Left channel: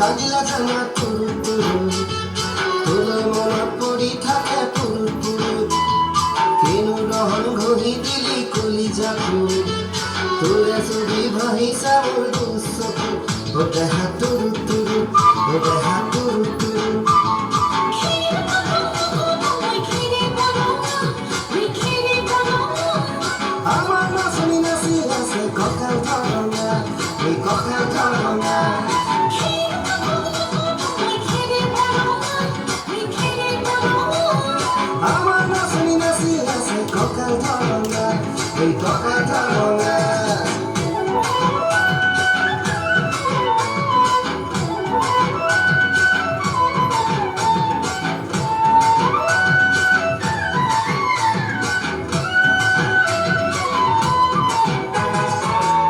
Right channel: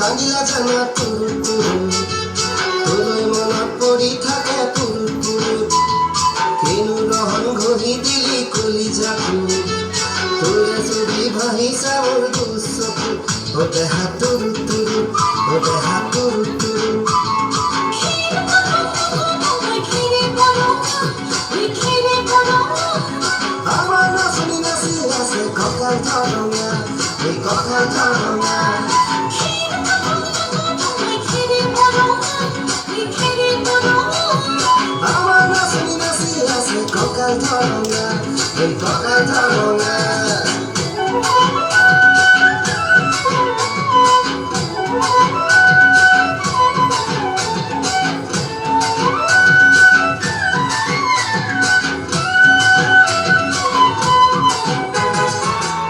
কাজিলা জানা তুরু তুরু তোলৈ মনত পৰি থাকে তুরু তুরু কেনু ৰহন ঘঁহি দিলি কলিজাকু তোৰে ছবি ভাহিছা মোৰ দুচকু ও দেহা তুরু তুরু ও দেহা তুরু তুরু আমাৰ নাচনি নাচি আছে কঁকাল ধৰঙা এই কঁকাল ধৰঙা এই কঁকাল ধরঙা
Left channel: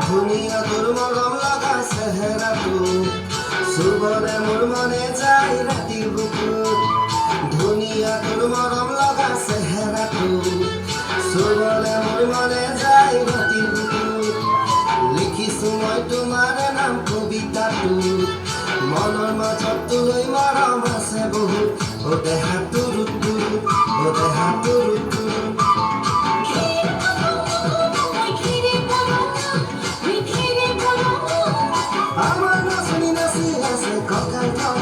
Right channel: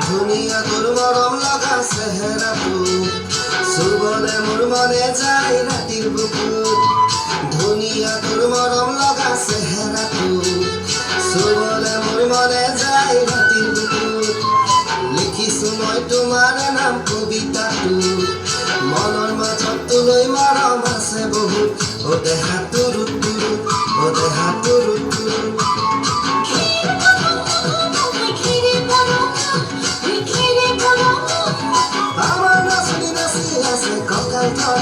ধুনীয়া তোৰ মৰম লগা চেহেৰাটো চুবলে মোৰ মনে যায় ৰাতিৰ বুকুত ধুনীয়া তোৰ মৰম লগা চেহেৰাটো চুবলে মোৰ মনে যায় ৰাতিৰ বুকুত লিখিছো মই তোমাৰ নাম কবিতাটো মনৰ মাজত তোলৈ মৰম আছে বহুত ও দেহা তুৰু তুৰু ও দেহা তুৰু তুৰু আমাৰ নাচনি নাচি আছে কঁকাল ধৰঙা